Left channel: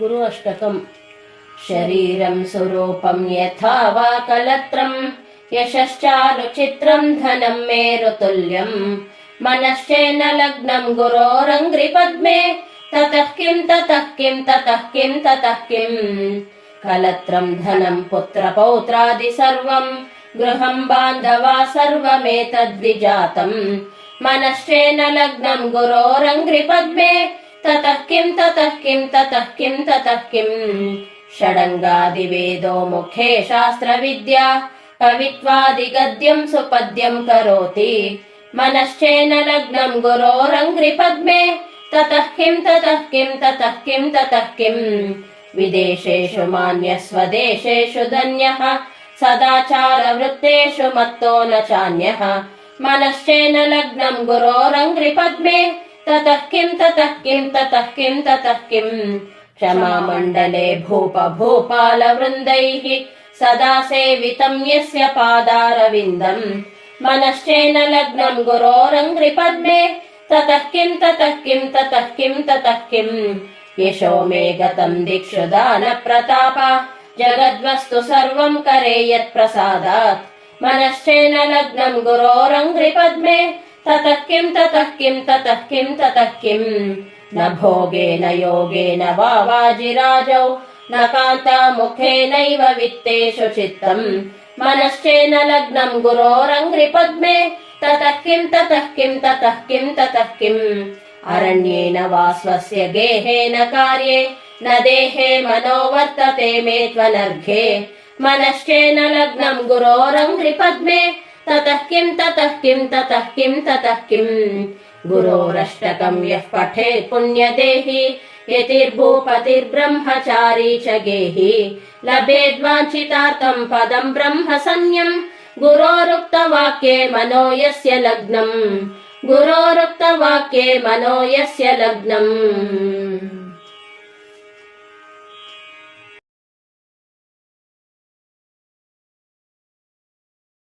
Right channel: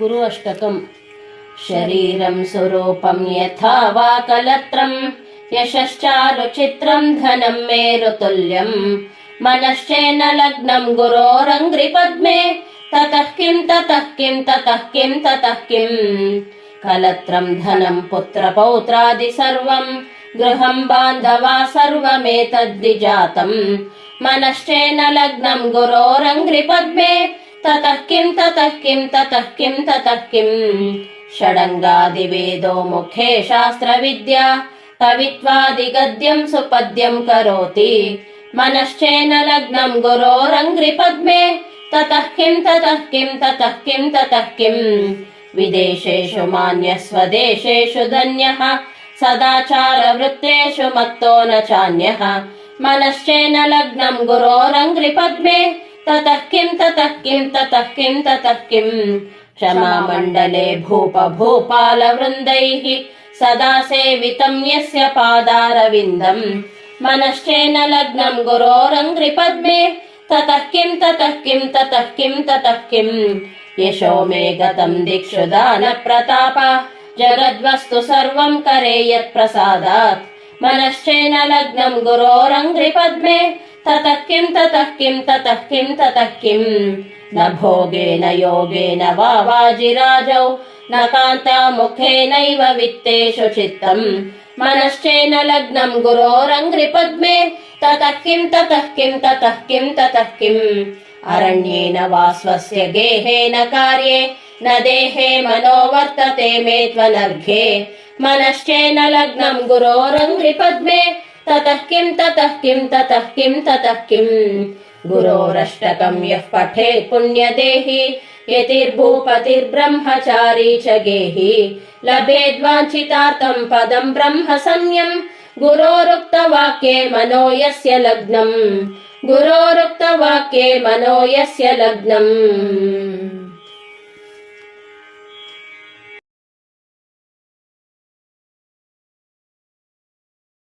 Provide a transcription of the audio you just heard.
गुरु अष्टकम् शरीरम् स्वरूपम् यथा वा कलत्रम् यशश्चारुचित्रम् धनम् मेरुतुल्यम् मनश्चेन लग्नम् गुरोरङ्घ्रिपद्मे ततः किम् ततः किम् ततः किम् ततः किम् कलत्रम् धनम् पुत्रपौत्रादि सर्वम् गृहम् बान्धवा सर्वमेतद्विजातम्। मनश्चेन लग्नम् गुरोरङ्घ्रिपद्मे ततः किम् ततः किम् ततः किम् ततः किम् षडङ्गादिवेदो मुखे शास्त्रविद्या कवित्वादिगद्यम् सुपद्यम् करोति मनश्चेन लग्नम् गुरोरङ्घ्रिपद्मे ततः किम् ततः किम् ततः किम् ततः किम् विदेशेषु मान्यः स्वदेशेषु धन्यः सदाचारवृत्तेषु मत्तो न चान्यः मनश्चेन लग्नम् गुरोरङ्घ्रिपद्मे ततः किम् ततः किम् ततः किम् ततः किम् क्षमामण्डले भूप भूपालवृन्दैः सदा सेवितम् यस्य पादारविन्दम् मनश्चेन लग्नम् गुरोरङ्घ्रिपद्मे ततः किम् ततः किम् ततः किम् ततः किम् यशो मे गतम् दिक्षु दानप्रताप जगद्वस्तु सर्वम् करे यत्प्रसादात् मनश्चेन लग्नम् गुरोरङ्घ्रिपद्मे ततः किम् ततः किम् ततः किम् ततः किम् न भोगेन योगेन वा वाजिराजौ न कान्तामुखेनैव वित्तेषु चित्तम् मनश्चेन लग्नम् गुरोरङ्घ्रिपद्मे ततः किम् ततः किम् ततः किम् ततः किम् अरण्येन वा स्वस्य गेहेन कार्ये न देहे मनो वर्तते मे त्वनर्घे मनश्चेन लग्नम् गुरोरङ्घ्रिपद्मे ततः किम् ततः किम् ततः किम् ततः किम् गुरोरष्टकम् यः पठेत् पुण्यदेहि यतिर्भूपतिर्ब्रह्मचारी च गेहि। लभेद्वाञ्छितार्थम् पदम् ब्रह्म संयम् गुरोरुक्तवाक्ये मनो यस्य लग्नम्। गुरोरुक्तवाक्ये मनो यस्य लग्नम्